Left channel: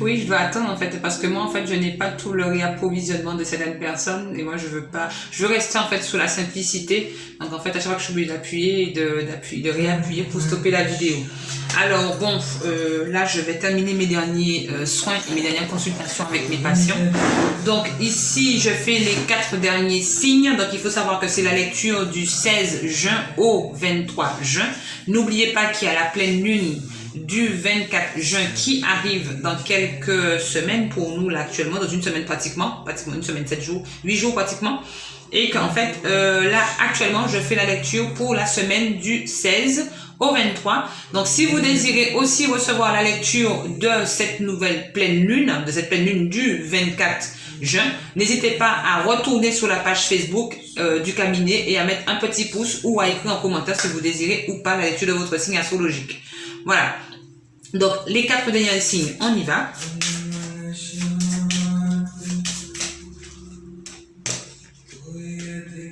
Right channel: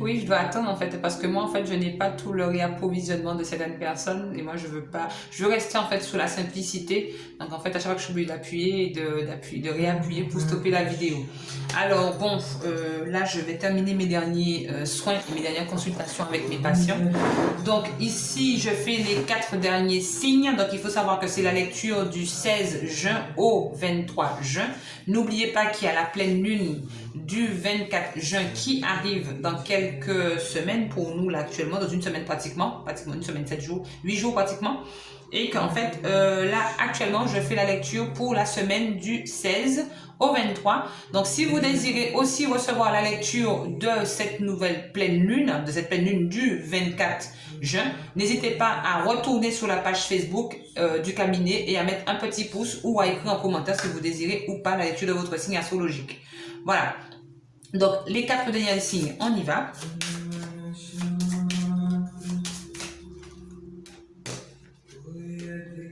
Oui, je dois attendre en fait, parce que moi en fait je n'ai pas tout le réapprovisionnement de certaines personnes et moi je veux pas, je veux rester en fait sous la simplicité. Donc en fait à chaque fois que je suis obligée d'appuyer et de réappuyer pour stopper la vidéo. Alors bon, là je vais terminer mes derniers soins et mes dernières consultations avec mes patients. Donc ici je fais les 4 derniers signes. Donc il faut savoir que c'est la lecture du 16 juin au 23 juin. N'oubliez pas qu'il y a la pleine lune du 24 juin qui arrive dans quelques semaines pour nous là actuellement, dans une semaine pratiquement une semaine, 7 jours, 8 jours pratiquement, et qu'en fait là actuellement je fais la lecture pour la semaine du 16 au 23. Donc si vous désirez aussi recevoir la lecture de cette nouvelle pleine lune, de cette pleine lune du 24 juin, n'hésitez pas à retourner sur la page Facebook du cabinet et à mettre un petit pouce ou à écrire en commentaire si vous désirez ou pas la lecture de votre signe astrologique. Voilà. Donc, les 4 derniers signes, on y va.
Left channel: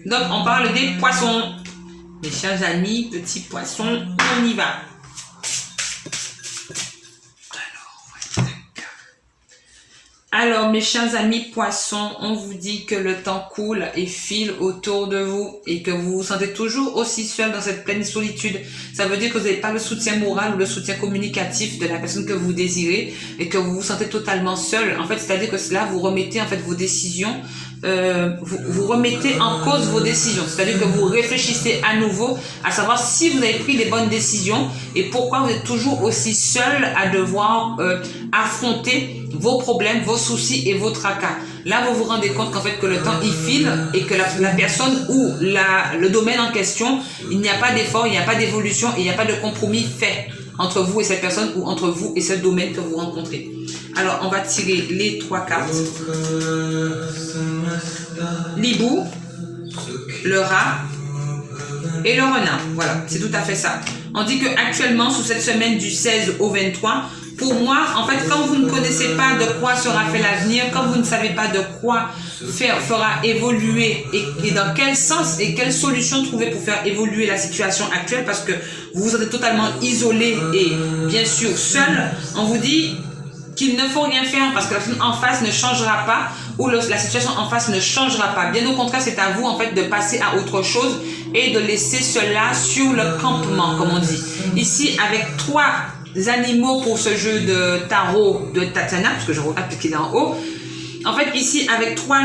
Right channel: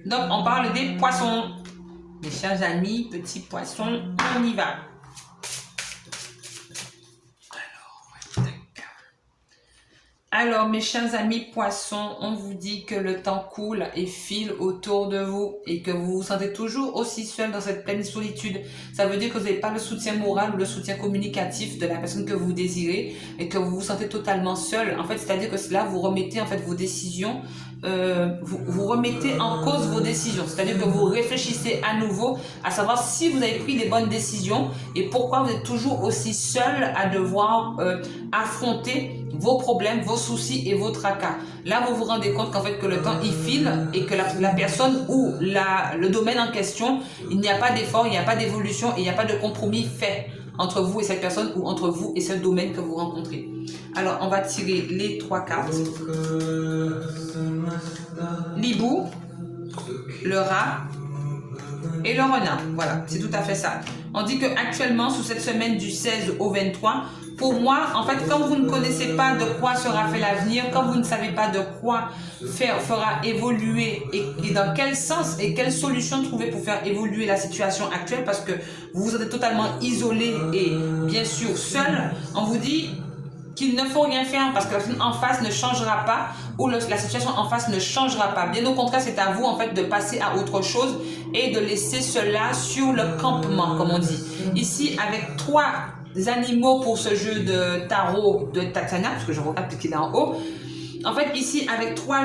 Donc, on parle des poissons. Mes chers amis, petits poissons, on y va. Alors, mes chers amis poissons, on vous dit que le temps coule et file autour de vous et que vous vous sentez toujours aussi seul dans cette pleine solitude. Ça veut dire que vous n'avez pas le soutien moral ou le soutien communicatif de la personne que vous désirez et que vous vous sentez totalement seul. En fait, c'est-à-dire que là, vous remettez en fait vos décisions, vous remettez en cause vos décisions. C'est-à-dire que vous réfléchissez à nouveau à savoir si vous avez pris les bonnes décisions et pourquoi vous êtes toujours aussi seul à devoir affronter vos problèmes, vos soucis et vos tracas. Là, vous vous rendez compte qu'en fait que le temps il file et que la personne ou le domaine en question, il n'y a pas d'effort, il n'y a pas d'évolution et il n'y a pas de compromis fait entre vous et cette personne ou entre vous et ce domaine que vous rencontrez. Alors, on va tirer les 3 cartes. L'hibou, le rat et le renard. Voilà, c'est tout à fait ça. On dit que actuellement, sous cette semaine du 16 au 23, pour moi, en fait, quand vous ne connaissez pas de quoi sera fait l'avenir, quand vous ne savez pas de quoi fera évoluer et dans quel sens et quelle solution trouver pour faire évoluer la situation actuelle, parce que vous vous sentez totalement isolé et bien sûr seul, on vous dit qu'il ne faut rien faire parce que la personne en face ne changera pas ou la situation en face ne changera pas. Bien au contraire, c'est à vous en fait de passer à autre chose et de laisser cela sur le campement, comme on dit. Ici, avec 3 animaux pour ce jeu de tarot de Tatiana, parce que je regarde qu'il est en haut. En fait, ici, avec 3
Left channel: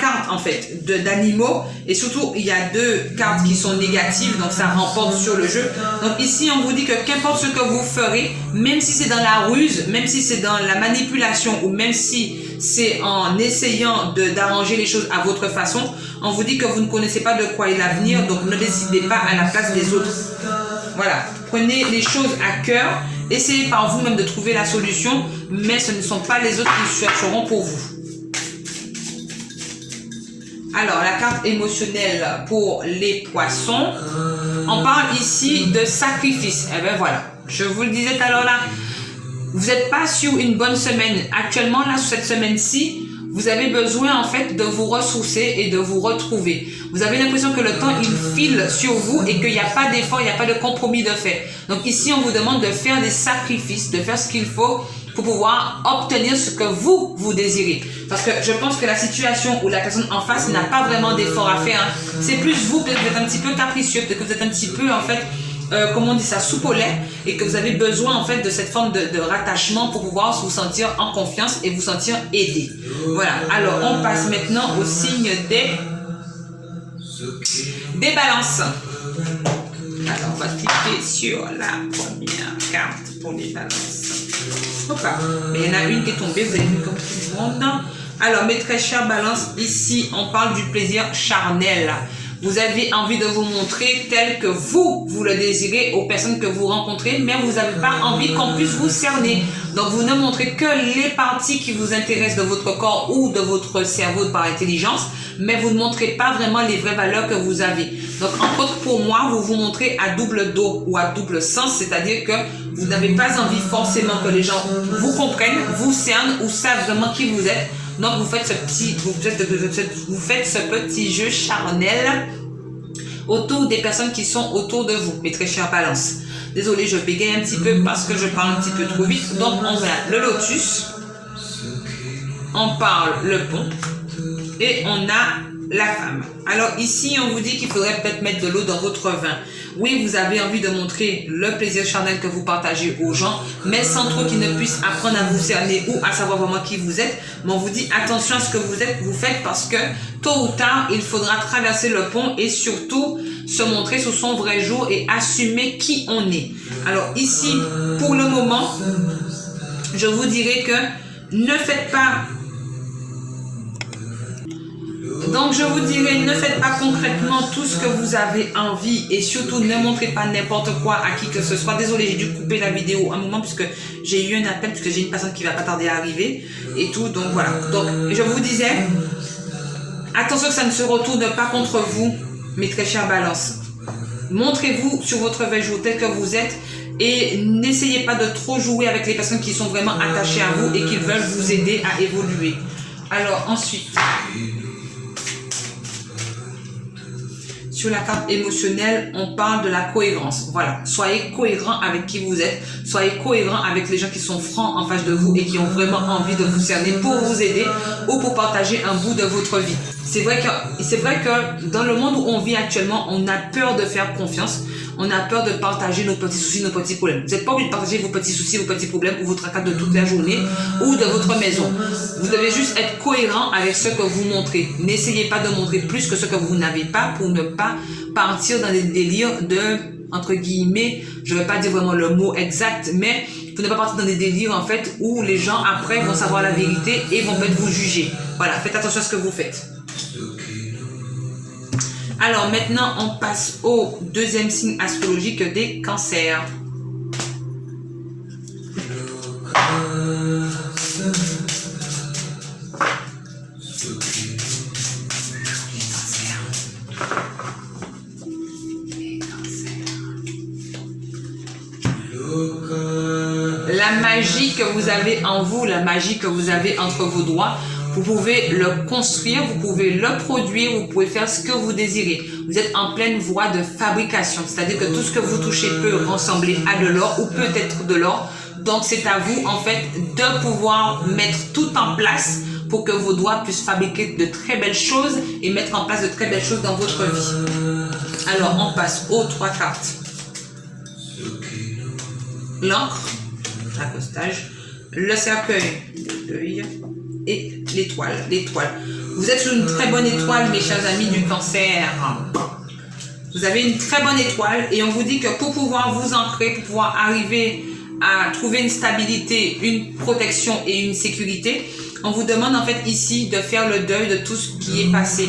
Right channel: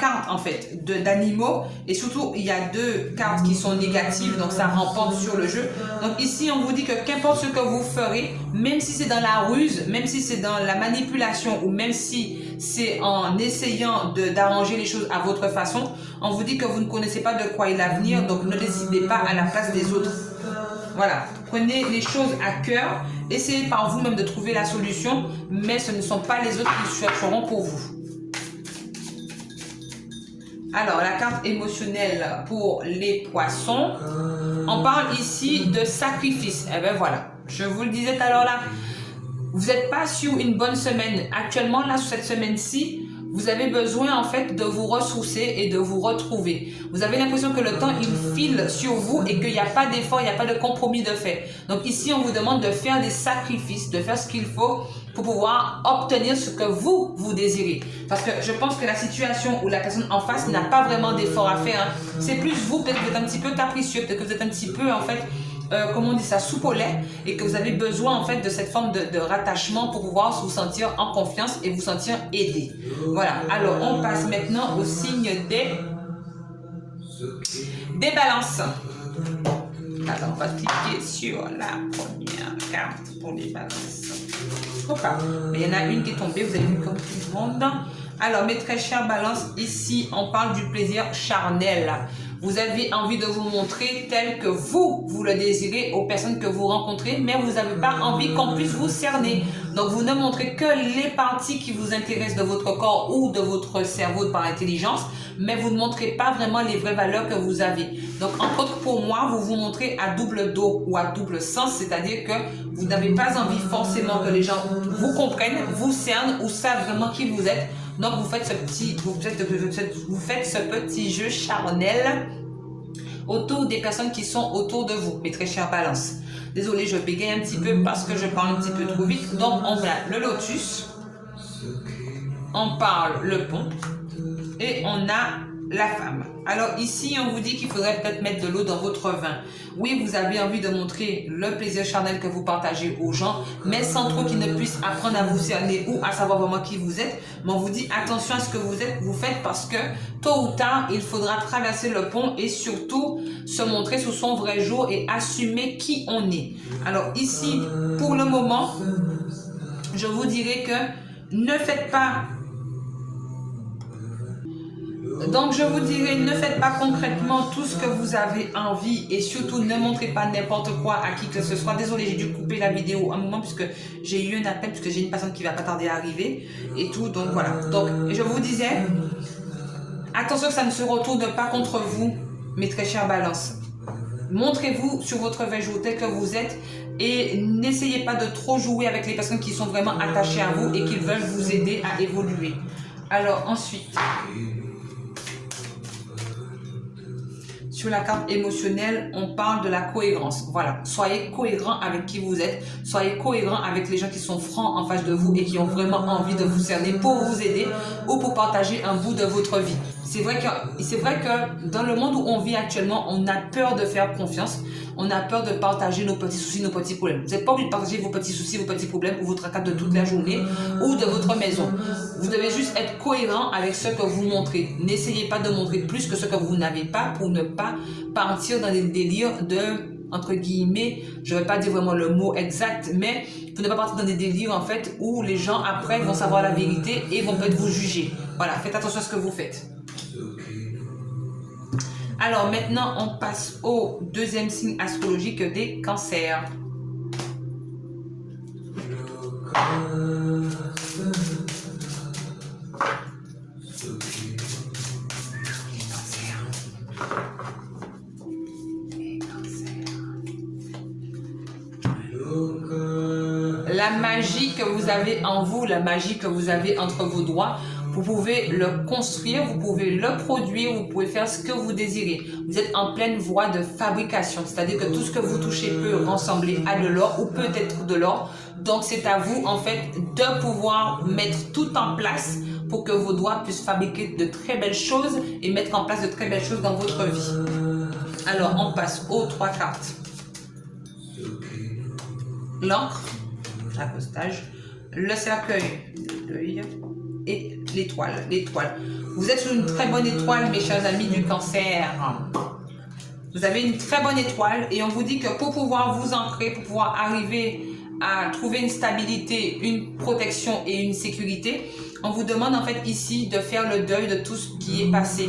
cartes en fait d'animaux, et surtout il y a 2 cartes qui sont négatives, donc ça remporte sur le jeu. Donc ici on vous dit que qu'importe ce que vous ferez, même si c'est dans la ruse, même si c'est dans la manipulation ou même si c'est en essayant d'arranger les choses à votre façon, on vous dit que vous ne connaissez pas de quoi est l'avenir, donc ne décidez pas à la place des autres. Voilà, prenez les choses à cœur, essayez par vous-même de trouver la solution, mais ce ne sont pas les autres qui chercheront pour vous. Alors, la carte émotionnelle pour les poissons, on parle ici de sacrifice. Eh bien voilà, je vous le disais tout à l'heure là, vous n'êtes pas sur une bonne semaine. Actuellement, là, sur cette semaine-ci, vous avez besoin en fait de vous ressourcer et de vous retrouver. Vous avez l'impression que le temps il file sur vous et qu'il n'y a pas d'effort, il n'y a pas de compromis de fait. Donc ici on vous demande de faire des sacrifices, de faire ce qu'il faut pour pouvoir obtenir ce que vous désirez. Parce que je pense que la situation où la personne en face n'a pas vraiment d'effort à faire, hein. C'est plus vous, peut-être que vous êtes un petit peu capricieux, peut-être que vous êtes un petit peu en fait comment on dit ça, soupe au lait, et que vous avez besoin en fait de cette forme de rattachement pour pouvoir vous sentir en confiance et vous sentir aidé. Voilà, alors on passe maintenant au signe des balances. Alors on va cliquer sur la première carte pour les balances. Opa, mais il y en a une qui est tombée, vous avez vu comme tout le monde. Alors mes très chères balances, ici on parle du plaisir charnel. Vous avez envie de vous montrer tel que vous le désirez aux personnes que vous rencontrez, mais vous n'avez pas envie qu'on puisse vous cerner. Donc, vous ne montrez que les parties qui vous intéressent de votre corps ou de votre cerveau par intelligence, mais vous ne montrez pas vraiment les vraies valeurs que vous avez. Donc, entre autres, pour moi, vous vous montrez à double dos ou à double sens, c'est-à-dire que vous n'avez pas envie forcément que les gens vous comprennent, vous cernent ou savent vraiment qui vous êtes. Donc vous faites ce petit jeu charnel autour des personnes qui sont autour de vous, mes très chères balances. Désolée, je bégaye un petit peu parce que je parle un petit peu trop vite. Donc, on a le lotus, on parle le pont et on a la femme. Alors ici, on vous dit qu'il faudrait peut-être mettre de l'eau dans votre vin. Oui, vous avez envie de montrer le plaisir charnel que vous partagez aux gens, mais sans trop qu'ils ne puissent apprendre à vous cerner ou à savoir vraiment qui vous êtes. Mais on vous dit attention à ce que vous faites parce que tôt ou tard, il faudra traverser le pont et surtout se montrer sous son vrai jour et assumer qui on est. Alors ici, pour le moment, je vous dirais que ne faites pas... Donc, je vous dirais, ne faites pas concrètement tout ce que vous avez envie et surtout ne montrez pas n'importe quoi à qui que ce soit. Désolée, j'ai dû couper la vidéo un moment puisque j'ai eu un appel, puisque j'ai une personne qui va pas tarder à arriver et tout. Donc, voilà. Donc, je vous disais, attention que ça ne se retourne pas contre vous, mes très chères balances. Montrez-vous sur votre vrai jour tel que vous êtes et n'essayez pas de trop jouer avec les personnes qui sont vraiment attachées à vous et qui veulent vous aider à évoluer. Alors, ensuite... Sur la carte émotionnelle, on parle de la cohérence. Voilà, soyez cohérent avec qui vous êtes, soyez cohérent avec les gens qui sont francs en face de vous et qui ont vraiment envie de vous cerner pour vous aider ou pour partager un bout de votre vie. C'est vrai que dans le monde où on vit actuellement, on a peur de faire confiance. On a peur de partager nos petits soucis, nos petits problèmes. Vous n'êtes pas obligé de partager vos petits soucis, vos petits problèmes ou votre cas de toute la journée ou de votre maison. Vous devez juste être cohérent avec ce que vous montrez. N'essayez pas de montrer plus que ce que vous n'avez pas pour ne pas partir dans des délires de, entre guillemets, je ne vais pas dire vraiment le mot exact, mais pour ne pas partir dans des délires en fait où les gens après vont savoir la vérité et vont peut-être vous juger. Voilà, faites attention à ce que vous faites. Alors maintenant, on passe au deuxième signe astrologique des cancers. La magie que vous avez en vous, la magie que vous avez entre vos doigts, vous pouvez le construire, vous pouvez le produire, vous pouvez faire ce que vous désirez. Vous êtes en pleine voie de fabrication, c'est-à-dire que tout ce que vous touchez peut ressembler à de l'or ou peut être de l'or. Donc c'est à vous en fait de pouvoir mettre tout en place pour que vos doigts puissent fabriquer de très belles choses et mettre en place de très belles choses dans votre vie. Alors on passe aux trois cartes. L'encre, l'accostage, le cercueil de deuil et l'étoile. Vous êtes sur une très bonne étoile, mes chers amis du cancer. Vous avez une très bonne étoile et on vous dit que pour pouvoir vous ancrer, pour pouvoir arriver à trouver une stabilité, une protection et une sécurité, on vous demande en fait ici de faire le deuil de tout ce qui est passé,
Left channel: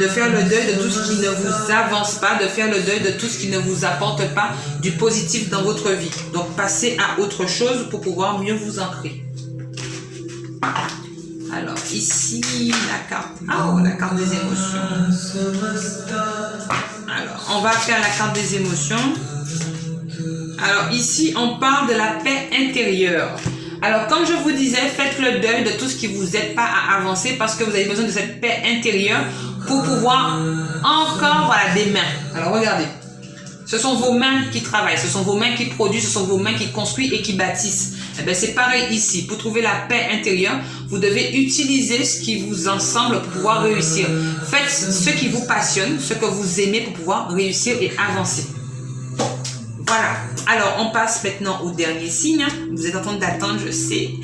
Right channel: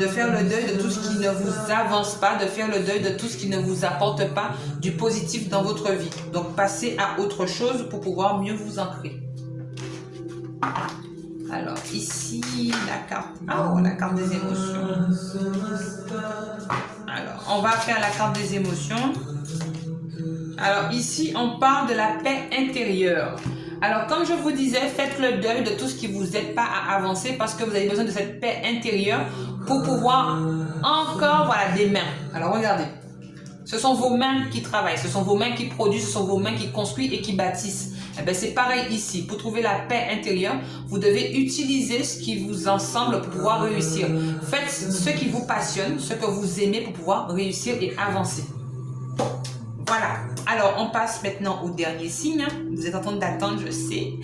de faire le deuil de tout ce qui ne vous avance pas, de faire le deuil de tout ce qui ne vous apporte pas du positif dans votre vie. Donc passez à autre chose pour pouvoir mieux vous ancrer. Alors ici la carte des émotions. Alors on va faire la carte des émotions. Alors ici on parle de la paix intérieure. Alors comme je vous disais, faites le deuil de tout ce qui vous aide pas à avancer parce que vous avez besoin de cette paix intérieure pour pouvoir encore, voilà, des mains. Alors regardez, ce sont vos mains qui travaillent, ce sont vos mains qui produisent, ce sont vos mains qui construisent et qui bâtissent. Eh bien, c'est pareil ici. Pour trouver la paix intérieure, vous devez utiliser ce qui vous ensemble pour pouvoir réussir. Faites ce qui vous passionne, ce que vous aimez pour pouvoir réussir et avancer. Voilà. Alors, on passe maintenant au dernier signe. Vous êtes en train d'attendre, je sais.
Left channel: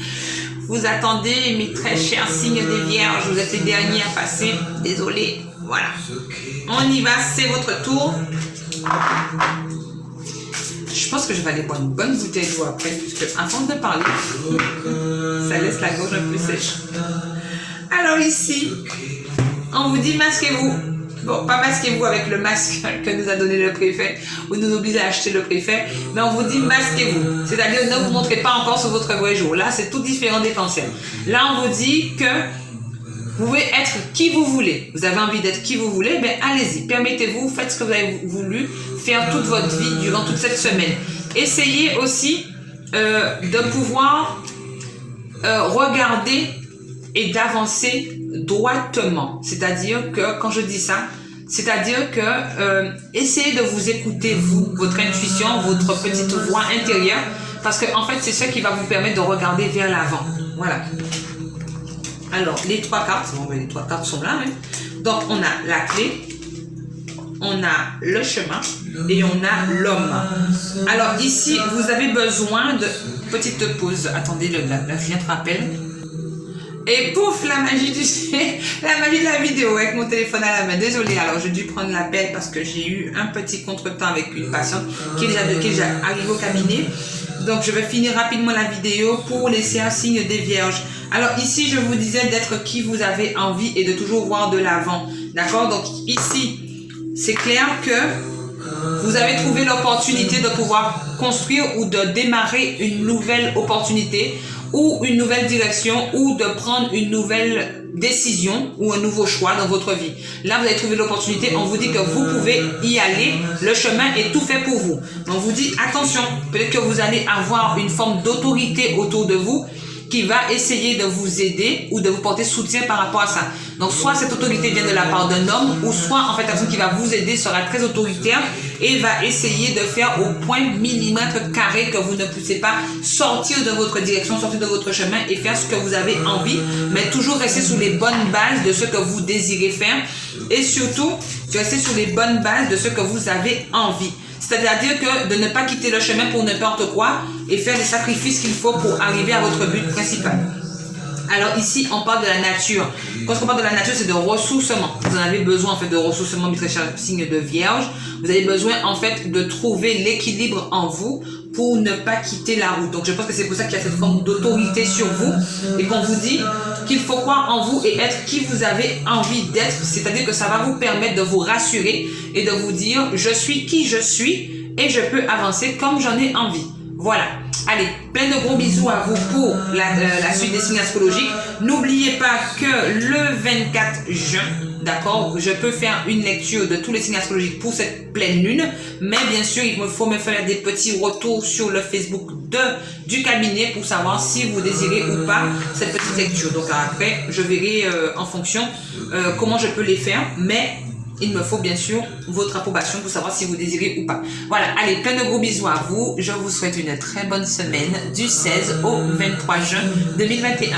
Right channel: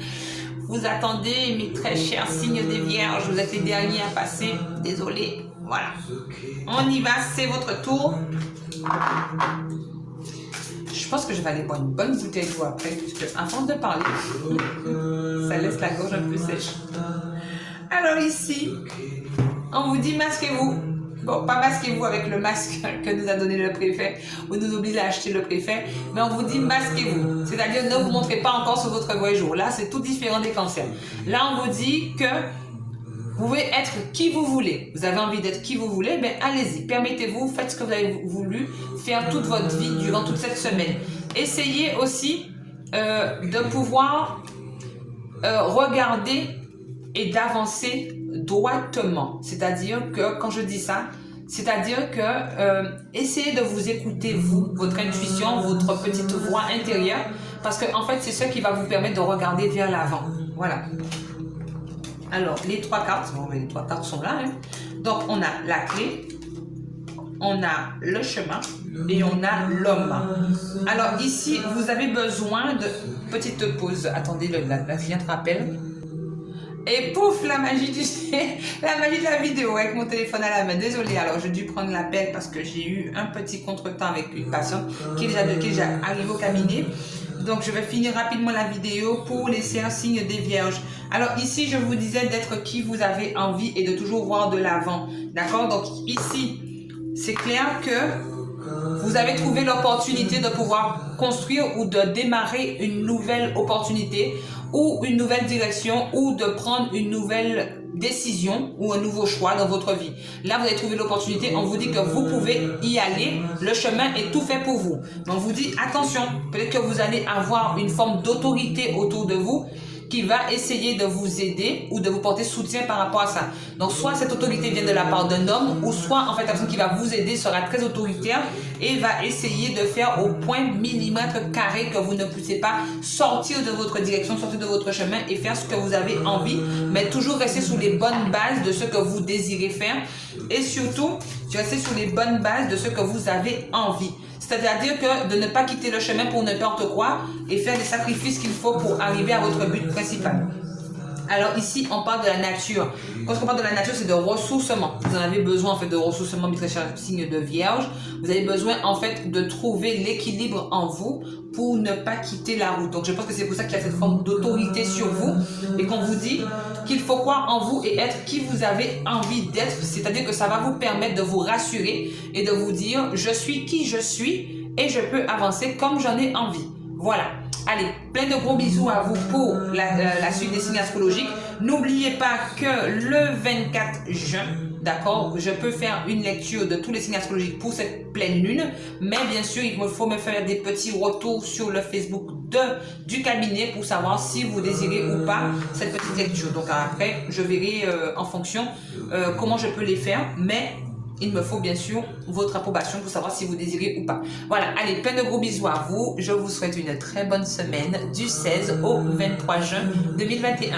Vous attendez, mes très chers signes des vierges. Vous êtes les derniers à passer. Désolé. Voilà. On y va, c'est votre tour. Je pense que je vais aller boire une bonne bouteille d'eau après, puisque avant de parler, ça laisse la gorge un peu sèche. Alors ici, on vous dit masquez-vous. Bon, pas masquez-vous avec le masque que nous a donné le préfet, ou nous oblige à acheter le préfet, mais on vous dit masquez-vous. C'est-à-dire ne vous montrez pas encore sur votre vrai jour. Là, c'est tout différent des cancers. Là, on vous dit que vous pouvez être qui vous voulez. Vous avez envie d'être qui vous voulez, ben allez-y, permettez-vous, faites ce que vous avez voulu faire toute votre vie durant toute cette semaine. Essayez aussi de pouvoir regarder et d'avancer droitement. C'est-à-dire que quand je dis ça, C'est-à-dire que essayez de vous écouter, vous, votre intuition, votre petite voix intérieure, parce que en fait, c'est ça qui va vous permettre de regarder vers l'avant. Voilà. Alors, les 3 cartes, bon, les 3 cartes sont là. Hein. Donc, on a la clé, on a le chemin et on a l'homme. Alors, ici, vous avez besoin de... Petite pause. Attendez, la cliente rappelle. Et pouf, la magie la magie de la vidéo avec mon téléphone à la main. Désolée, alors j'ai dû prendre l'appel parce que j'ai eu un petit contretemps avec une patiente qui est déjà arrivée au cabinet. Donc je vais finir rapidement la vidéo pour laisser un signe des vierges. Alors ici, je vous disais d'être qui vous avez envie et de toujours voir de l'avant. D'accord? Donc ici, c'est clair que vous avez trouvé l'opportunité de pouvoir construire ou de démarrer une nouvelle opportunité ou une nouvelle direction ou de prendre une nouvelle décision ou un nouveau choix dans votre vie. Là, vous avez trouvé l'opportunité, on vous dit que vous pouvez y aller, le chemin est tout fait pour vous. Donc, on vous dit, attention, peut-être que vous allez avoir une forme d'autorité autour de vous qui va essayer de vous aider ou de vous porter soutien par rapport à ça. Donc, soit cette autorité vient de la part d'un homme, ou soit, en fait, la personne qui va vous aider sera très autoritaire et va essayer de faire au point millimètre carré que vous ne puissiez pas sortir de votre direction, sortir de votre chemin et faire ce que vous avez envie, mais toujours rester sur les bonnes bases de ce que vous désirez faire et surtout, rester sur les bonnes bases de ce que vous avez envie. C'est-à-dire que de ne pas quitter le chemin pour n'importe quoi et faire les sacrifices qu'il faut pour arriver à votre but principal. Alors ici, on parle de la nature. Quand on parle de la nature, c'est de ressourcement. Vous en avez besoin en fait de ressourcement, mes très chers signes de Vierge. Vous avez besoin en fait de trouver l'équilibre en vous pour ne pas quitter la route. Donc je pense que c'est pour ça qu'il y a cette forme d'autorité sur vous et qu'on vous dit qu'il faut croire en vous et être qui vous avez envie d'être. C'est-à-dire que ça va vous permettre de vous rassurer et de vous dire je suis qui je suis et je peux avancer comme j'en ai envie. Voilà. Allez, plein de gros bisous à vous pour la suite des signes astrologiques. N'oubliez pas que le 24 juin, d'accord, je peux faire une lecture de tous les signes astrologiques pour cette pleine lune. Mais bien sûr, il me faut me faire des petits retours sur le Facebook du cabinet pour savoir si vous désirez ou pas cette petite lecture. Donc après, je verrai en fonction comment je peux les faire. Mais il me faut bien sûr votre approbation pour savoir si vous désirez ou pas. Voilà, allez, plein de gros bisous à vous. Je vous souhaite une très bonne semaine du 16 au 23 juin 2021.